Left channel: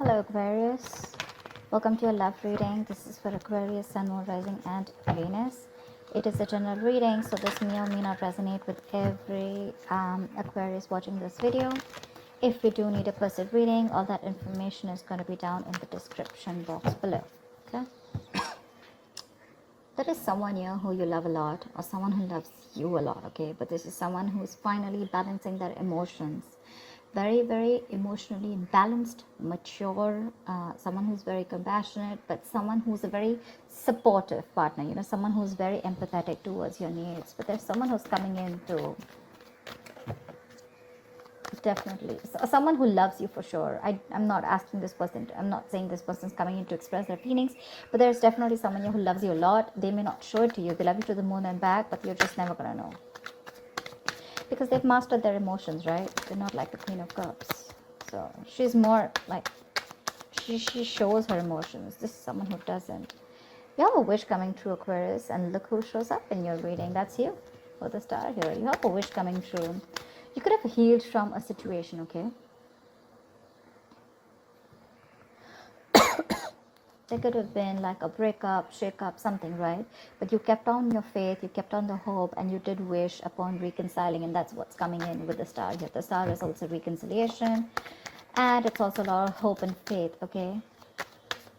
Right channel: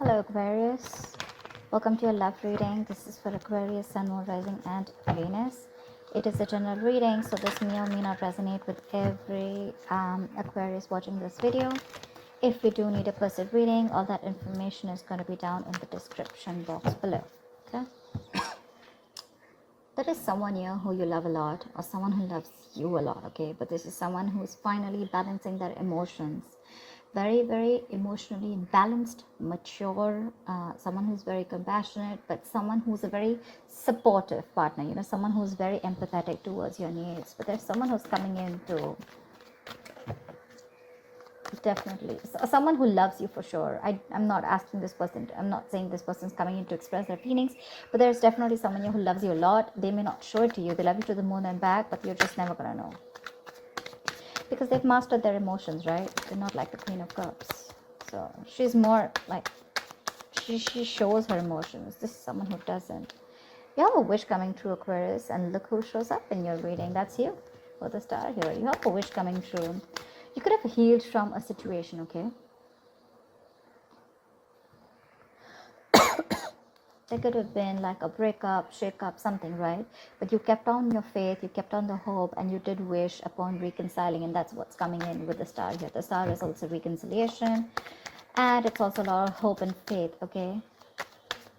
Hello Aquarius, welcome to a love reading. This is for Aquarius, Sun, Moon, Rising and Venus. It is a general reading, so this may or may not resonate with every Aquarius watching this video. If you do need a personal reading, all that information is going to be down in the description box below. Okay, there is someone here who you love a lot, or someone who loves you a lot, okay, but this is someone who is finally balancing their emotions. Very emotionally balanced, mature, someone who's very compassionate, but someone who's a very supportive partner, someone who's very empathetic towards your needs. But there's someone who's coming in to definitely, someone who loves you for sure. I'm not asking this person, I'm not saying this person's coming in to express their feelings, but there's definitely someone here who loves you a lot. They may not show it to you, they love you to the moon and back, but you're just never gonna know, because they've mastered their emotions, right? They're not like the Queen of Cups. So she's more like, she shows her emotions. This is someone who doesn't. You have a wish coming through, Aquarius, and look who shows up in your reading. That's you, for the star here. You have a wish coming through. You could have healed from a situation, okay? There could have been like a breakup, shake-up, something, right? But you kept on your faith, you kept on the hope, and you did wish upon reconciling, and that's what's coming in with the star here. The star is also reconciliation, and it's also a lot of hope and faith, okay?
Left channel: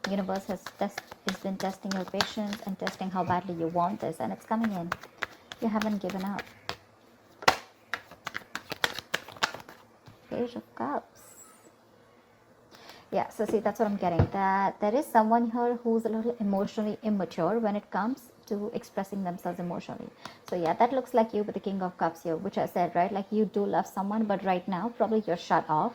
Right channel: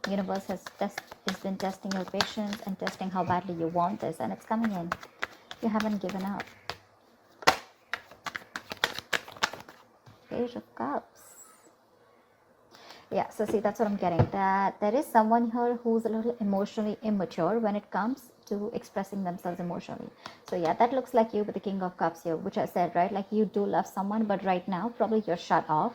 Universe has been testing your patience and testing how badly you want this, and it's coming in. You haven't given up. Page of Cups. Yeah, so see, that's what I'm getting. That there is someone here who's a little emotionally immature when it comes to expressing themselves emotionally. So yeah, that looks like you with the King of Cups here, which I said, right? Like you do love someone, but right now probably you're shut off.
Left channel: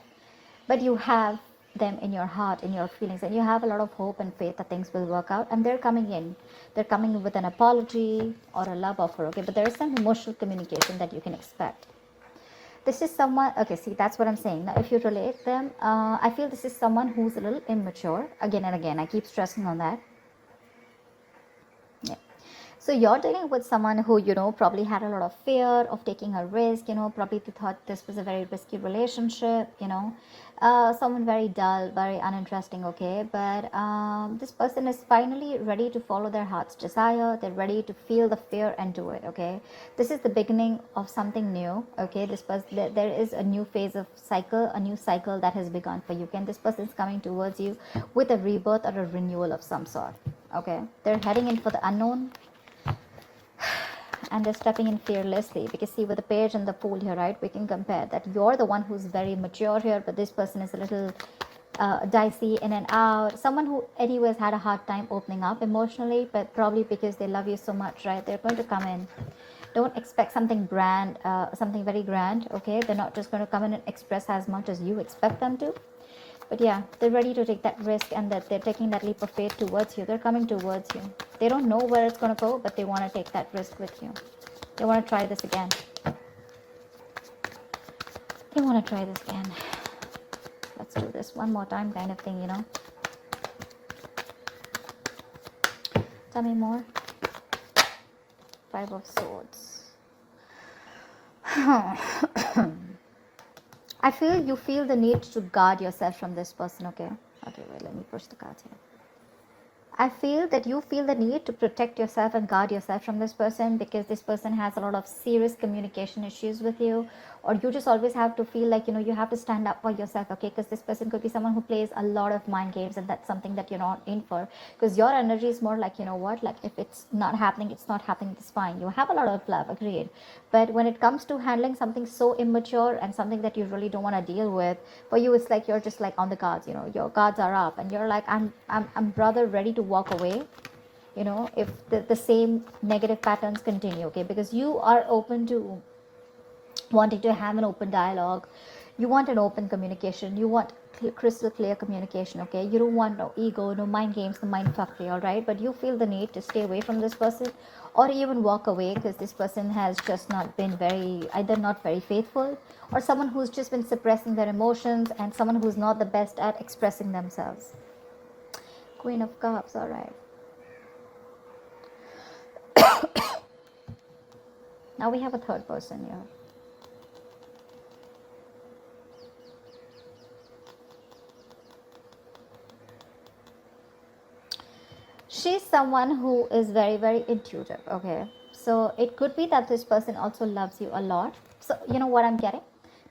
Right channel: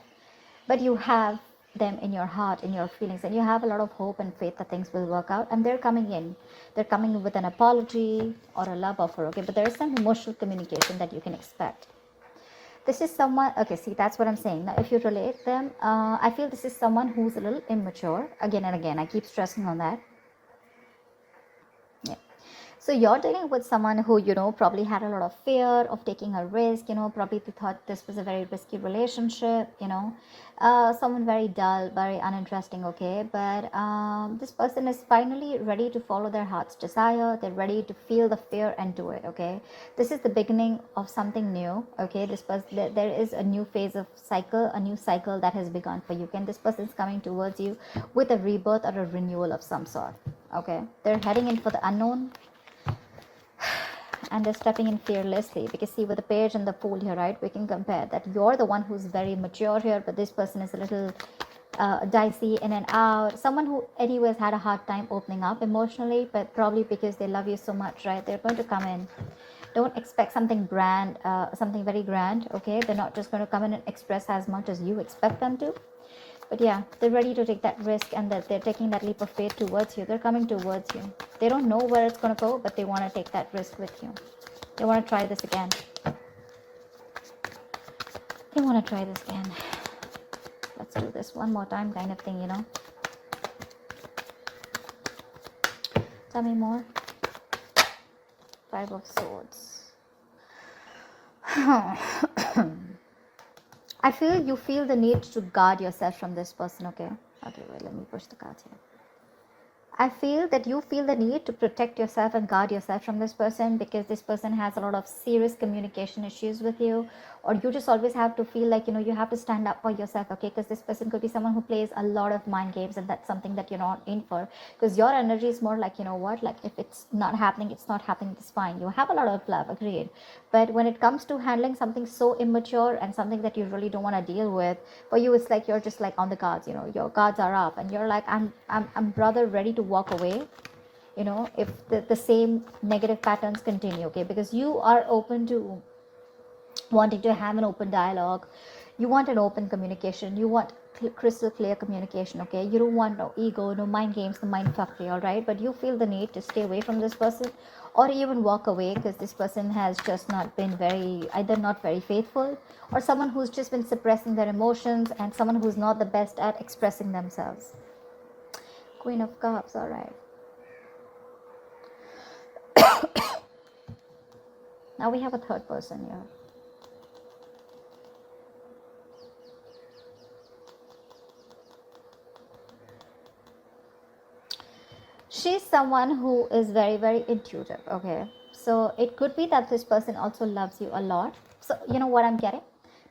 But you have them in your heart, in your feelings, and you have a lot of hope and faith that things will work out. And they're coming in. They're coming in with an apology or a love offer, okay? But there is some emotional communication that you can expect. This is someone, okay, see, that's what I'm saying. Now, if you relate them, I feel this is someone who's a little immature. Again and again, I keep stressing on that. Yeah. So you're dealing with someone who, probably had a lot of fear of taking a risk, probably thought this was a very risky relationship, someone very dull, very uninteresting, okay? But this person is finally ready to follow their heart's desire. They're ready to feel the fear and do it, okay? This is the beginning of something new, okay? This person, there is a new phase of cycle, a new cycle that has begun for you. And this person is coming towards you with a rebirth or a renewal of some sort, okay? They're heading in for the unknown, and they're stepping in fearlessly, because see, with the page and the fool here, right, we can compare that you're the one who's very mature here, but this person is a little dicey in and out, someone who anyways had a hard time opening up emotionally, but probably because they love you so much, right? They're about to come in. Don't expect something grand, something very grand, okay? They're not just going to come in and express as much as you expect them to. But yeah, they're ready to take that risk, and that they're taking that leap of faith towards you. They're coming towards you. They don't know where it's going to go, but they want to take that risk with you. They want to try this again. They want to try this again. Let's do this one more time, kind of thing, Tell me more. Five of Swords. I feel you feel the need to guard yourself from this person, okay? Okay, well, let me push the cards here. I feel that you feel the need to protect yourself and guard yourself from this person, because this person has a lot of serious communication issues with you, or you just always have to feel like, you have to stand up for yourself, okay? Because this person could be someone who plays a lot of mind games, and that's something that you're not in for, because your energy is more like, like if it's not happening, it's not happening, it's fine. You have a lot of love, agreed, but when it comes to handling something so immature and something that you really don't want to deal with, for you it's like you're just like on the guards, your guards are up, and you're like, I'm rather ready to walk away, if the same negative patterns continue, okay? Because you are open to wanting to have an open dialogue. You want an open communication. You want crystal clear communication, okay? You don't want no ego, no mind games, no mind fuckery, all right? But you feel the need to stay away from this person, or even walk away, because this person has just not been either not very faithful, or someone who's just been suppressing their emotions, and someone who's not the best at expressing themselves. Queen of Cups, all right. Now we have a third person here. She's someone who is very, very intuitive. Okay, so it could be that this person also loves you a lot. So you know what I'm getting?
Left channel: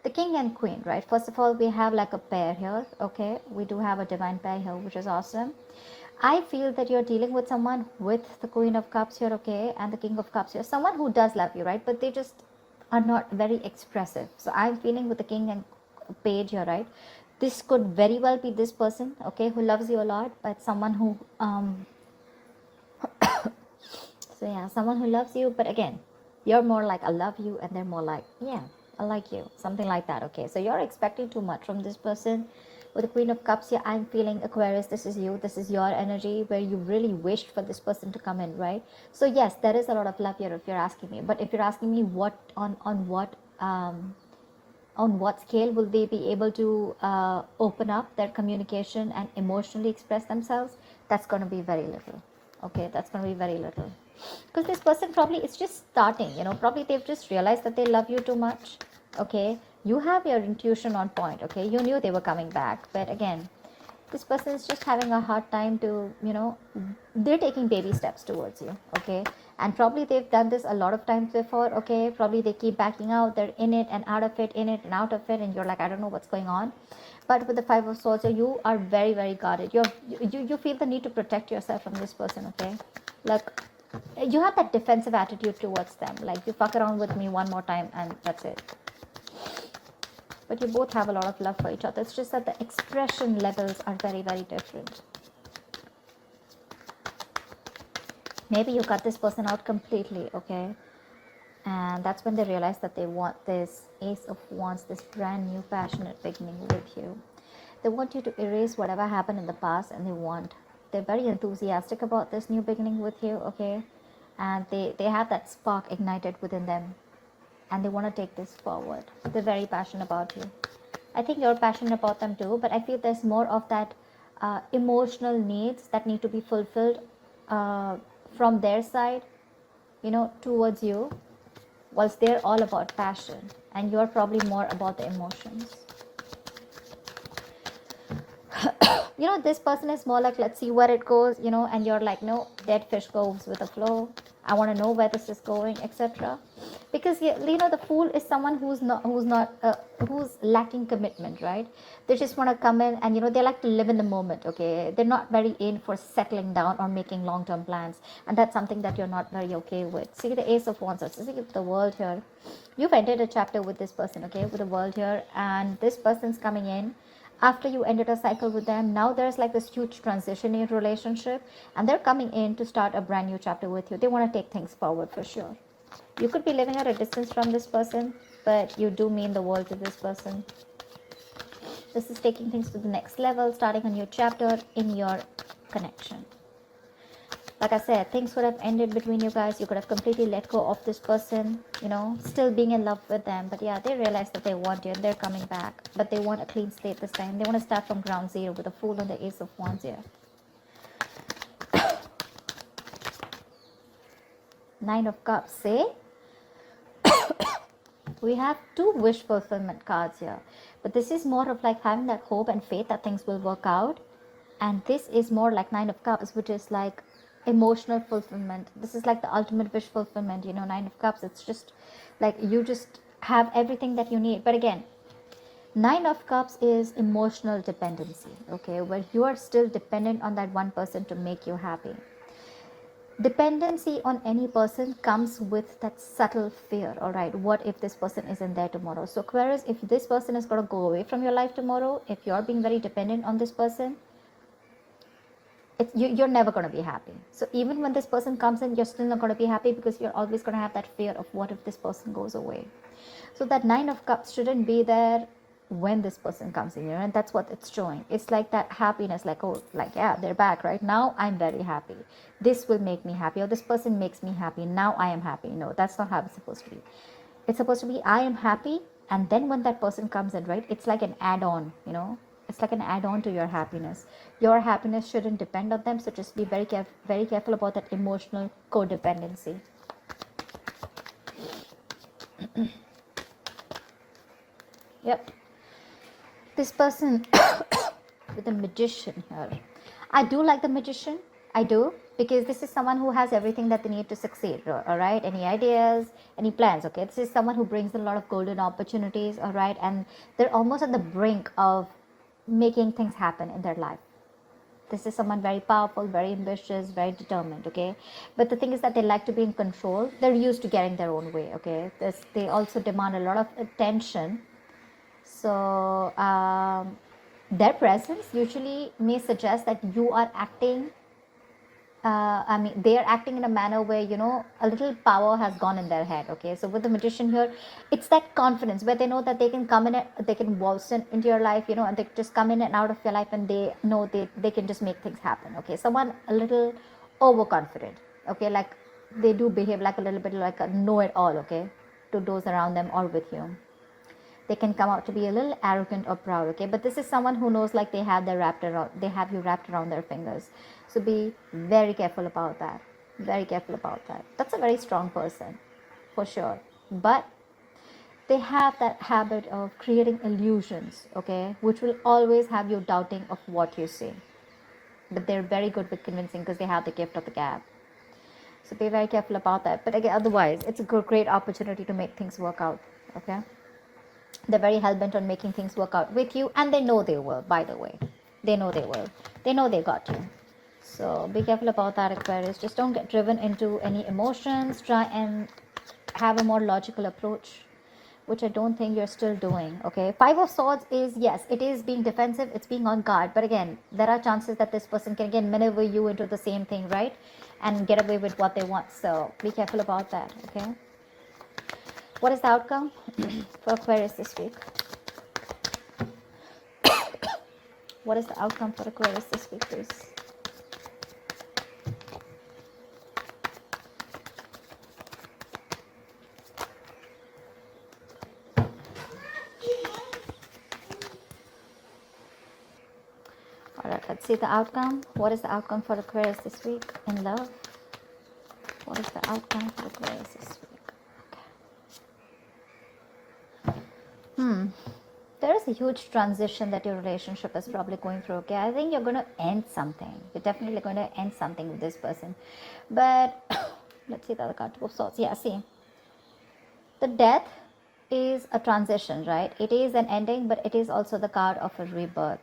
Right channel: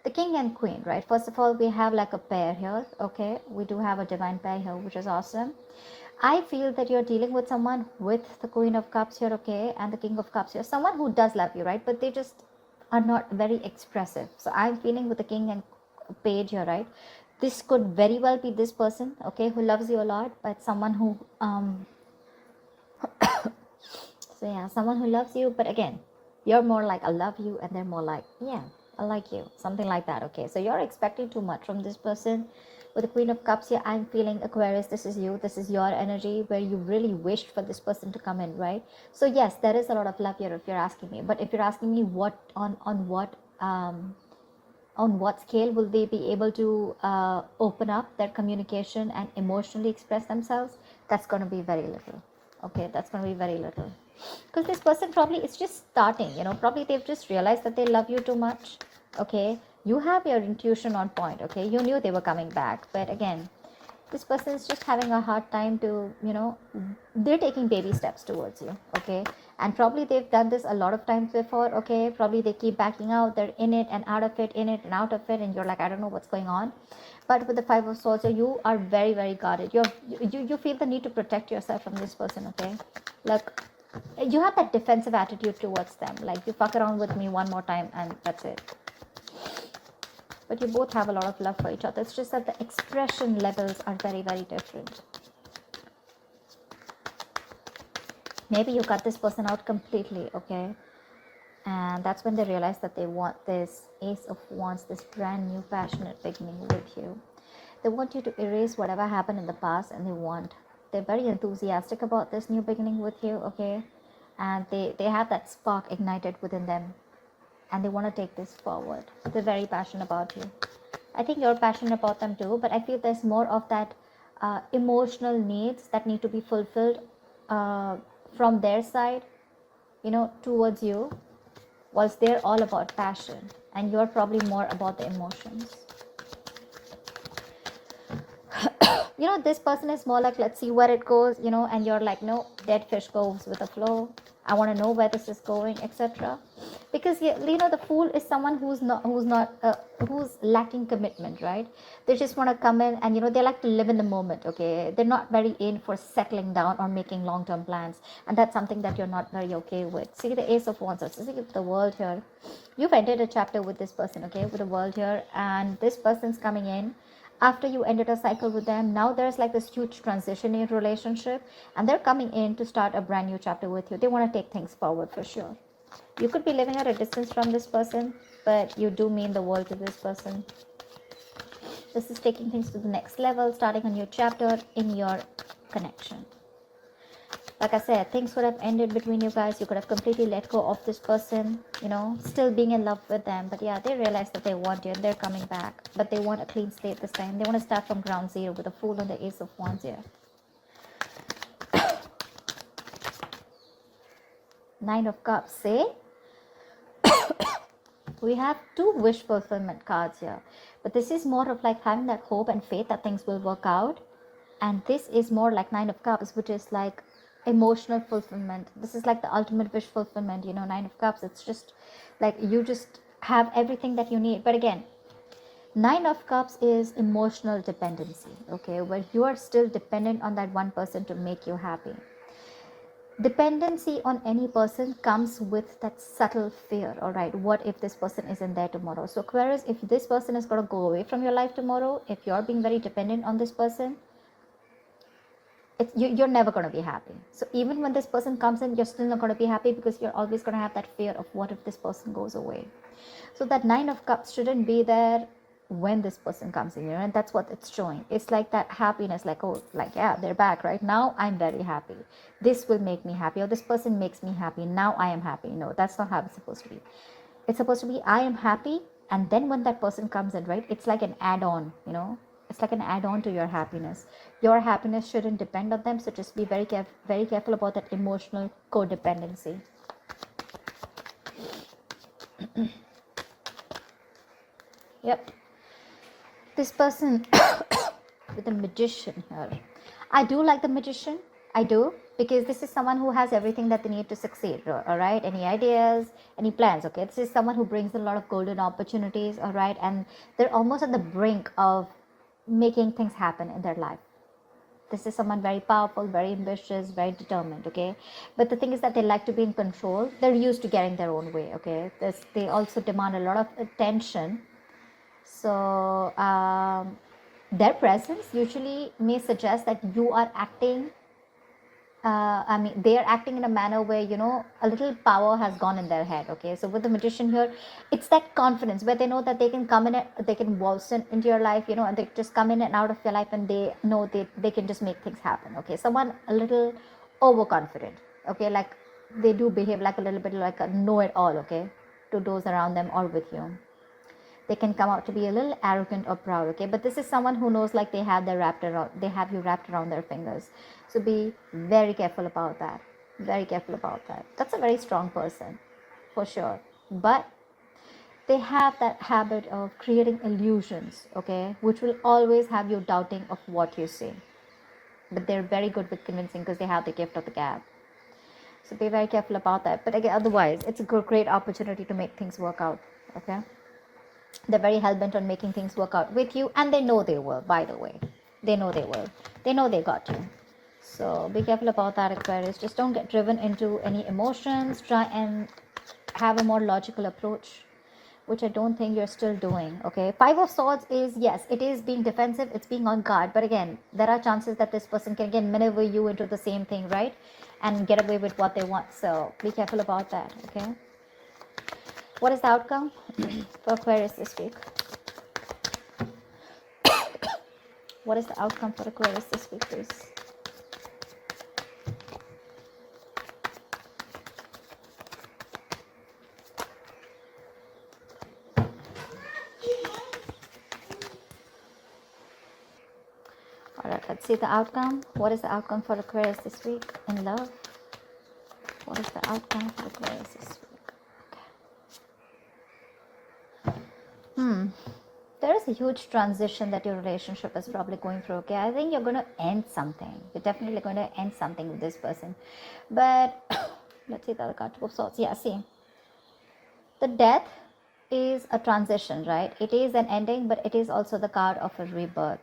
The king and queen, right? First of all, we have like a pair here. Okay, we do have a divine pair here, which is awesome. I feel that you're dealing with someone with the Queen of Cups here, okay, and the King of Cups here. Someone who does love you, right? But they just are not very expressive. So I'm feeling with the King and Page here, right? This could very well be this person, okay, who loves you a lot, but someone who so yeah, someone who loves you, but again, you're more like I love you, and they're more like yeah, I like you, something like that. Okay, so you're expecting too much from this person. With the Queen of Cups here, I'm feeling Aquarius. This is you. This is your energy where you really wished for this person to come in, right? So yes, there is a lot of love here if you're asking me. But if you're asking me what on what scale will they be able to open up their communication and emotionally express themselves, that's going to be very little. Okay, that's going to be very little, because this person probably is just starting, probably they've just realized that they love you too much. Okay, you have your intuition on point. Okay, you knew they were coming back, but again, this person is just having a hard time to, they're taking baby steps towards you. Okay, and probably they've done this a lot of times before. Okay, probably they keep backing out, they're in it and out of it, in it and out of it, and you're like, I don't know what's going on. But with the Five of Swords, you are very, very guarded. You feel the need to protect yourself from this person. Okay, like you have that defensive attitude towards them, like you fuck around with me one more time and that's it. But you both have a lot of love for each other. It's just that the expression levels are very, very different. Maybe you cut this person out completely, okay? And that's when they realize that they want this Ace of Wands, this brand new passionate beginning with you. They want you to erase whatever happened in the past, and they're very enthusiastic about this new beginning with you, okay? And they have that spark ignited within them, and they want to take this forward. They're very passionate about you. I think you're passionate about them too, but I feel there's more of that emotional needs that need to be fulfilled from their side, towards you, whilst they're all about passion, and you're probably more about the emotions. This person is more like, let's see where it goes, and you're like, no, dead fish goes with the flow. I want to know where this is going, etc. Because the fool is someone who's lacking commitment, right? They just want to come in and they like to live in the moment. Okay, they're not very in for settling down or making long-term plans, and that's something that you're not very okay with. See the Ace of Wands. See the World here. You've entered a chapter with this person, okay, with the World here, and this person's coming in after you ended a cycle with them. Now there's like this huge transition in your relationship, and they're coming in to start a brand new chapter with you. They want to take things forward for sure. You could be living at a distance from this person, but you do mean the world to this person. This is taking things to the next level, starting a new chapter in your connection. Like I said, things would have ended between you guys. You could have completely let go of this person, still being in love with them. But yeah, they realize that they want you and they're coming back. But they want a clean slate this time. They want to start from ground zero with a Fool and the Ace of Wands here. Nine of Cups, eh? We have two wish fulfillment cards here. But this is more of like having that hope and faith that things will work out. And this is more like Nine of Cups, which is like emotional fulfillment. This is like the ultimate wish fulfillment. Nine of Cups, it's just like you just have everything that you need. But again, Nine of Cups is emotional dependency, okay, where you are still dependent on that one person to make you happy. Dependency on any person comes with that subtle fear. All right, what if this person isn't there tomorrow? So Aquarius, if this person is going to go away from your life tomorrow, if you're being very dependent on this person, you're never going to be happy. So even when this person comes in, you're still not going to be happy, because you're always going to have that fear of what if this person goes away. So that Nine of Cups shouldn't be there when this person comes in, and that's what it's showing. It's like that happiness, like, oh, like, yeah, they're back right now, I'm very happy, this will make me happy, or this person makes me happy, now I am happy. No, that's not how it's supposed to be. It's supposed to be, I am happy, and then when that person comes in, right, it's like an add-on. It's like an add-on to your happiness. Your happiness shouldn't depend on them, so just be very careful about that emotional codependency. Yep. This person with the Magician here. I do like the Magician. I do, because this is someone who has everything that they need to succeed. All right, any ideas, any plans? Okay, this is someone who brings a lot of golden opportunities. All right, and they're almost on the brink of making things happen in their life. This is someone very powerful, very ambitious, very determined. Okay, but the thing is that they like to be in control. They're used to getting their own way. Okay, they also demand a lot of attention. So their presence usually may suggest that you are acting, I mean, they are acting in a manner where, a little power has gone in their head. Okay, so with the magician here, it's that confidence where they know that they can come in, they can waltz into your life, and they just come in and out of your life, and they know they can just make things happen. Okay, someone a little overconfident. Okay, like they do behave like a little bit like a know it all. Okay, to those around them or with you. They can come out to be a little arrogant or proud. Okay, but this is someone who knows like they have you wrapped around their fingers. So be very careful about that. Very careful about that. That's a very strong person, for sure. But they have that habit of creating illusions, okay, which will always have you doubting of what you see. But they're very good with convincing because they have the gift of the gab. So be very careful about that. But again, otherwise, it's a great opportunity to make things work out, okay? They're very hell-bent on making things work out with you, and they know they will, by the way. They know they will. They know they got you. So be careful about that, Aquarius. Just don't get driven into any emotions. Try and have a more logical approach, which I don't think you're still doing. Okay, Five of Swords is, yes, it is being defensive, it's being on guard, but again, there are chances that this person can again maneuver you into the same thing, right, and get away with what they want. So be careful about that. Okay, what is the outcome for Aquarius this week? What is the outcome for Aquarius this week, please? Alright, let's see the outcome. What is the outcome for Aquarius this week in love? What is the outcome for Aquarius this week? There is a huge transition that your relationship is probably going through. Okay, I think you're going to end something. You're definitely going to end something with this person. But let's see the other card. Oh, so yeah, see, the death is a transition, right? It is an ending, but it is also the card of a rebirth.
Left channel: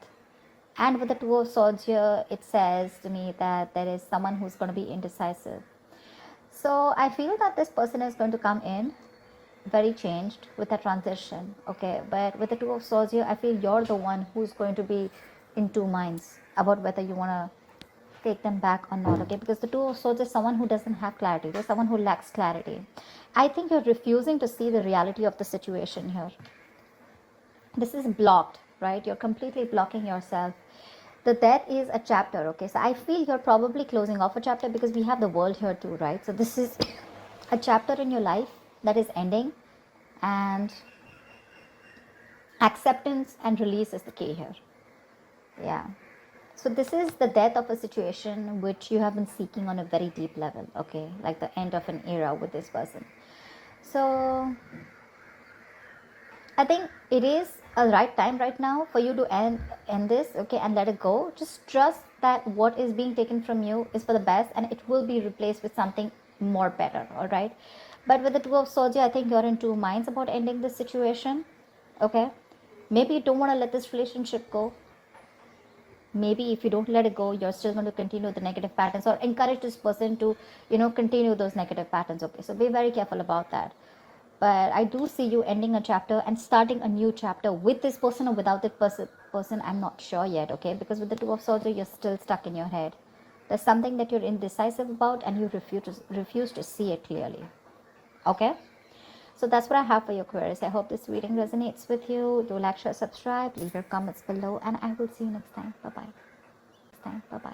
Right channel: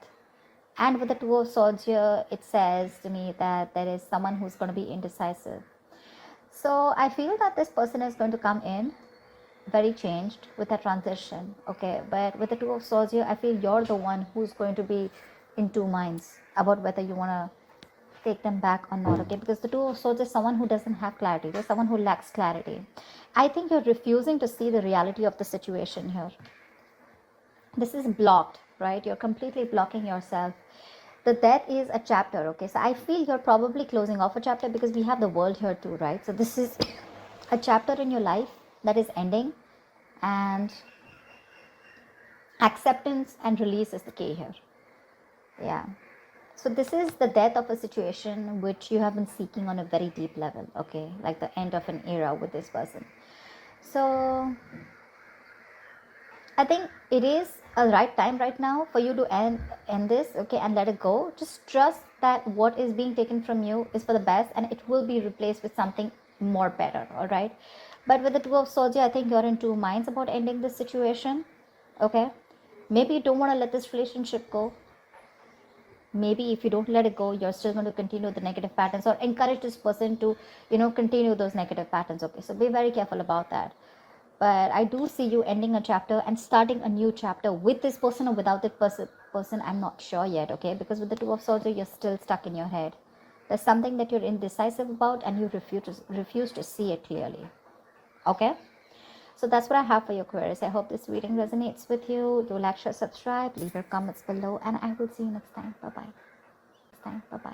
And with the Two of Swords here, it says to me that there is someone who's going to be indecisive. So I feel that this person is going to come in very changed with a transition. Okay, but with the Two of Swords here, I feel you're the one who's going to be in two minds about whether you want to take them back or not. Okay, because the Two of Swords is someone who doesn't have clarity. There's someone who lacks clarity. I think you're refusing to see the reality of the situation here. This is blocked, right? You're completely blocking yourself. The death is a chapter. Okay, so I feel you're probably closing off a chapter because we have the world here too, right? So this is a chapter in your life that is ending, and acceptance and release is the key here. Yeah, so this is the death of a situation which you have been seeking on a very deep level. Okay, like the end of an era with this person. So I think it is a right time right now for you to end this, okay, and let it go. Just trust that what is being taken from you is for the best, and it will be replaced with something more better. All right, but with the Two of Swords, I think you're in two minds about ending this situation. Okay, maybe you don't want to let this relationship go. Maybe if you don't let it go, you're still going to continue the negative patterns, or encourage this person to, continue those negative patterns. Okay, so be very careful about that. But I do see you ending a chapter and starting a new chapter with this person or without that person. I'm not sure yet. Okay, because with the Two of Swords, you're still stuck in your head. There's something that you're indecisive about, and you refuse to see it clearly. Okay, so that's what I have for you, Aquarius. I hope this reading resonates with you. Do like, share, subscribe, leave your comments below, and I will see you next time. Bye bye.